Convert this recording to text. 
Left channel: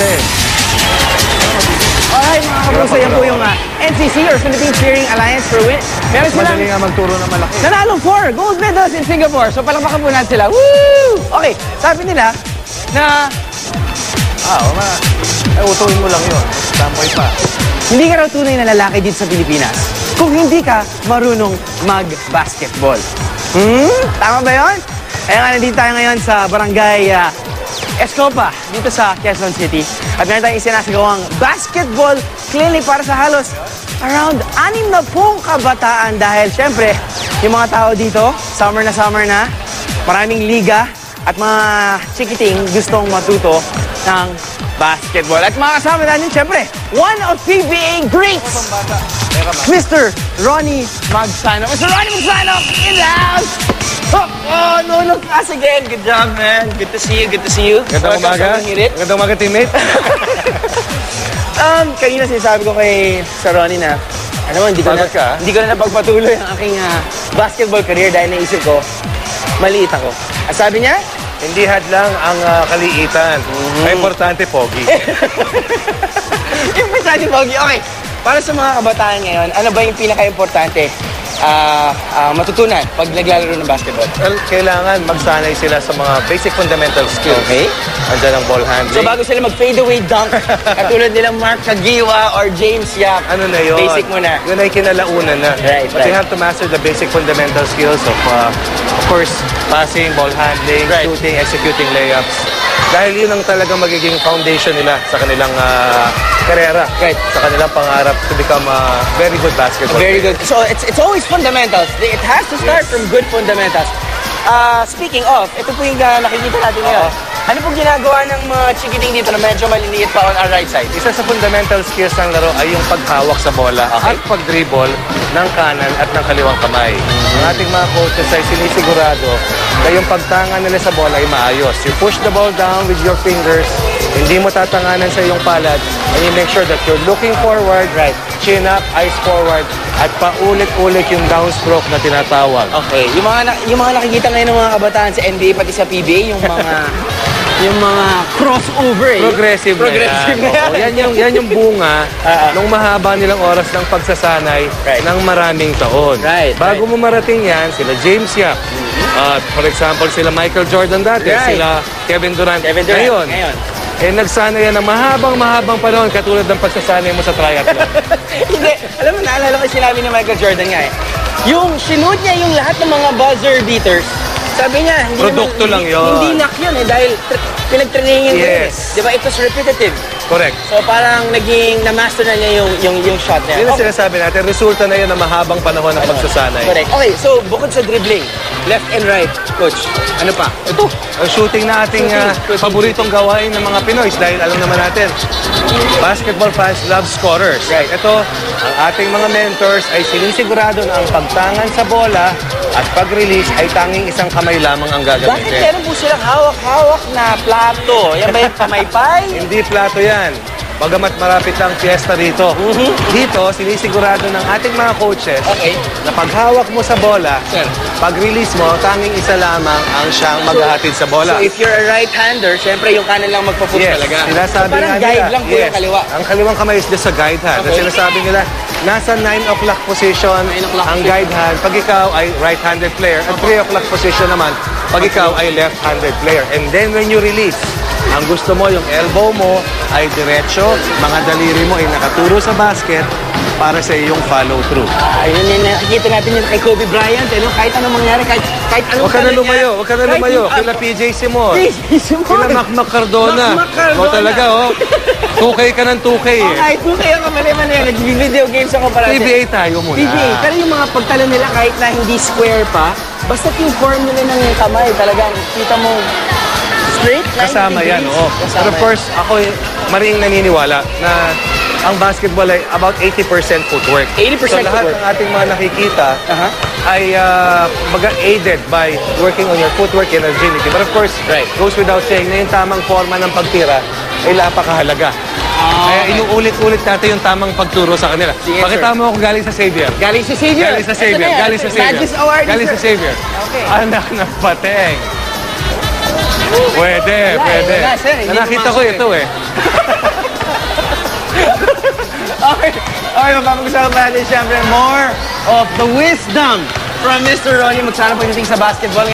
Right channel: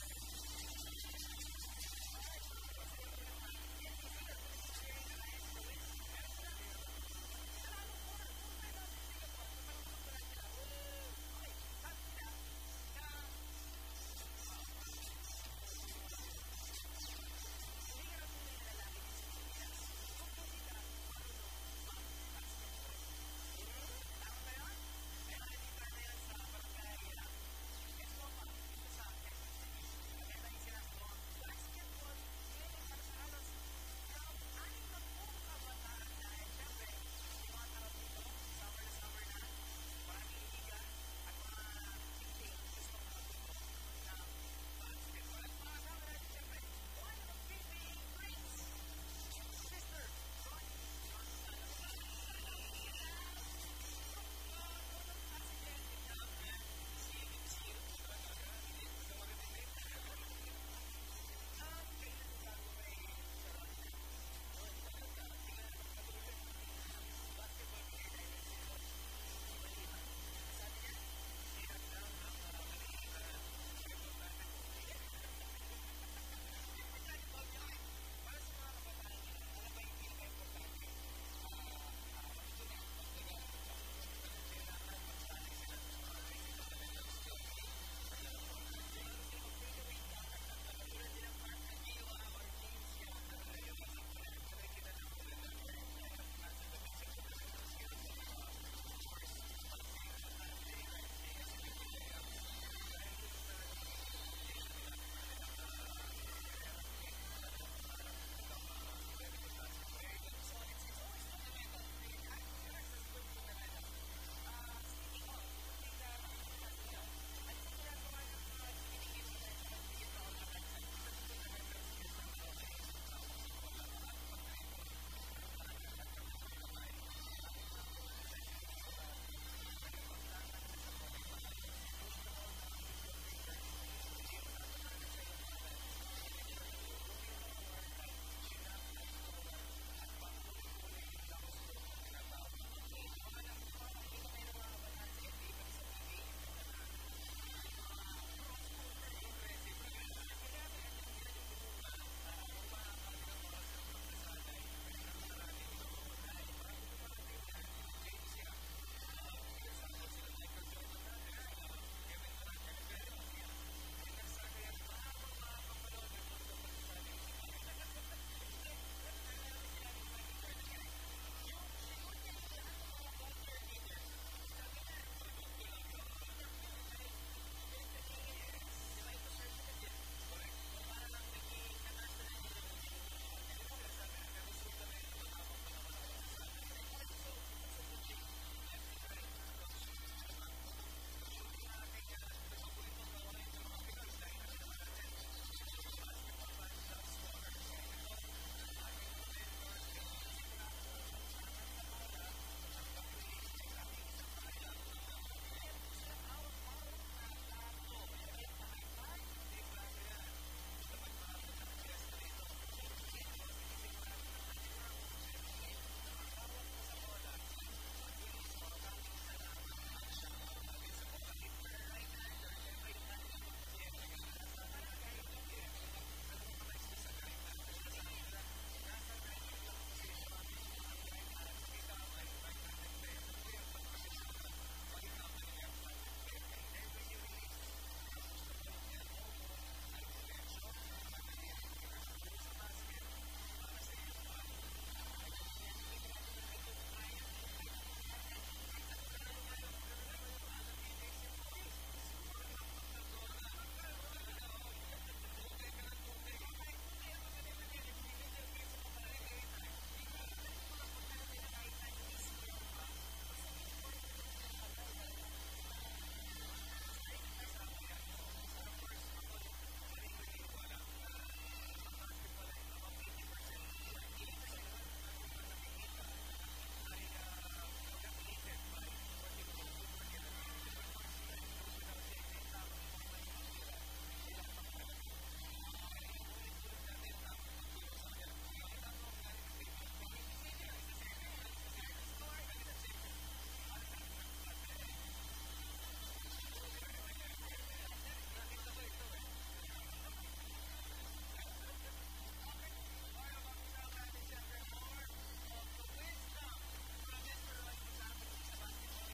eh. Alright, mga kapuso, yan po yung NCC or Philippine Cheering Alliance for Win. Meron silang Madali nga magturo ng malaki. nanalong 4 gold medals in Singapore. So palakpakan po natin sila. Woo! Okay, sabi nila na Ay, utuhin mo lang yun. Tampoy pa. hindi ka raw tunay na lalaki dito sa Pilipinas kung hindi ka marunong mag-basketball. Tama ba yun? Kaya nga nandito tayo ngayon sa barangay Escopa, dito sa Quezon City. At meron tayong isinasagawang basketball clinic para sa halos around 60 kabataan dahil syempre, yung mga tao dito, summer na, maraming liga at mga chikiting gustong matuto ng basketball. At mga kasama natin, syempre, one of PBA greats, Mr. Ronnie Magsano. Mr. Ronnie Magsano, in the house! Oh, no class again. Good job, man. Good to see you. Gandang umaga. Gandang umaga, teammate. Kanina sinasabi ko kay Sir Ronnie na, hindi ko na napagpatuloy ang aking basketball career dahil naisip ko, maliit ako. At sabi niya, Hindi hadlang ang kaliitan. Ay, importante, pogi. importante, Pogi. Okay, para sa mga kabataan ngayon, ano ba yung pinaka-importante matutunan pag naglalaro ng basketball? Well, kailangan magsanay sila sa mga basic fundamental skills. Okay. Andiyan ang ball handling. So bago sila mag-fadeaway dunk, katulad nilang Mark Kagiwa or James Yap, Ano na yun? basic muna. Yun ay kinalaunan na. Right, But you right. have to master the basic fundamental skills of course, passing, ball handling, Right. shooting, executing layups. Dahil yun ang talagang magiging foundation nila sa kanilang karera. Right. Sa kanilang pangarap to become a very good basketball Very player. good. So it's always fundamentals. It has to start from good fundamentals. Speaking of, ito po yung nakikita natin ngayon. Ano pong ginagawa ng mga chikiting dito na medyo maliliit pa on our right side? Isa sa fundamental skills ng laro ay yung paghawak sa bola at pag-dribble ng kanan at ng kaliwang kamay. Ang ating mga coaches ay sinisigurado na yung pagtanga nila sa bola ay maayos. You push the ball down with your fingers, hindi mo tatanganan sa iyong palad, and you make sure that you're looking forward, right, chin up, eyes forward, at paulit-ulit yung downstroke na tinatawag. Okay, yung mga nakikita ngayon ng mga kabataan sa NBA pati sa PBA, yung mga crossover eh. Progressive Progressive na na yan. Oo, yan yung bunga ng mahaba nilang oras ng pagsasanay ng maraming taon. Right, Bago mo marating yan, sila James Yap. For example, sila Michael Jordan dati, Right. sila Kevin Durant. Ngayon. Nagsanay yan ng mahabang panahon katulad ng pagsasanay mo sa triathlon. Hindi. Alam mo, naalala ko yung sinabi ni Michael Jordan nga eh. Yung sinuot niya yung lahat ng mga buzzer beaters, sabi niya, Produkto lang yun. Hindi luck yun eh, dahil pinag-trainingin ko yun eh. Yes. Di ba? It was repetitive. Correct. So parang na-master na niya yung shot niya. Yun ang sinasabi natin, resulta na yun ng mahabang panahon ng pagsasanay. Correct. Okay, so bukod sa dribbling, left and right, coach, ano pa? Ito, ang shooting na ating paboritong gawain ng mga Pinoy dahil alam naman natin, basketball fans love scorers. Right. Ito, ang ating mga mentors ay sinisigurado na ang pagtangan sa bola at pag-release ay tanging isang kamay lamang ang Bakit gagamitin. meron po silang hawak-hawak na plato? Yan ba yung pamaypay? Hindi plato yan. Bagamat marapit lang fiesta rito. Dito, sinisigurado ng ating mga coaches Okay. na paghawak mo sa bola, Sir. pag-release mo, tanging isa lamang ang siyang maghahatid sa bola. So if you're a right-hander, syempre yung kanan lang magpa-push talaga. Sinasabi So, parang nga guide nila, lang po yung kaliwa. Ang kaliwang kamay is just a guide hand. Okay. At sinasabi nila, nasa 9 o'clock position 9 o'clock ang position. guide hand pag ikaw ay right-handed player. At 3 o'clock position naman pag ikaw ay left-handed player. And then when you release, ang gusto mo, yung elbow mo ay diretso, mga daliri mo ay nakaturo sa basket para sa iyong follow-through. Ayun yung nakikita natin yung kay Kobe Bryant, eh, no? Kahit anong mangyari, kahit anong Huwag ka na talent niya, lumayo, huwag ka na kahit lumayo. yung- Kila PJ Simon. PJ Simon. Kila Mac Cardona. Mac Cardona. O talaga, oh. 2K ka ng 2K eh. Okay, kung kayo kamali-mali, nag-video games ako para PBA tayo muna. PBA, pero yung mga pagtalo nila kahit na hindi square pa, basta yung form nila ng kamay, talagang kita mo straight, 90 Kasama yan, degrees. oo. Kasama Pero of yan. course, ako maring naniniwala na ang basketball ay about 80% footwork. 80% so lahat footwork. ng ating mga nakikita ay aided by working on your footwork and agility. But of course, goes without saying na yung tamang forma ng pagtira ay napakahalaga. Kaya inuulit-ulit natin yung tamang pagturo sa kanila. Sige, Pakita mo ako galing sa Xavier. Galing si Xavier. Galing sa Xavier. Ito na yan. Galing sa Xavier. Magis Award. Galing sa Xavier. Okay. Anak ng pateng. Pwede, Wala, pwede. wala, sir. Hindi Nakita ko pumasok ito eh. Okay, mapapag-usapan natin siyempre more of the wisdom from Mr. Ronnie Magsana pagdating sa basketball.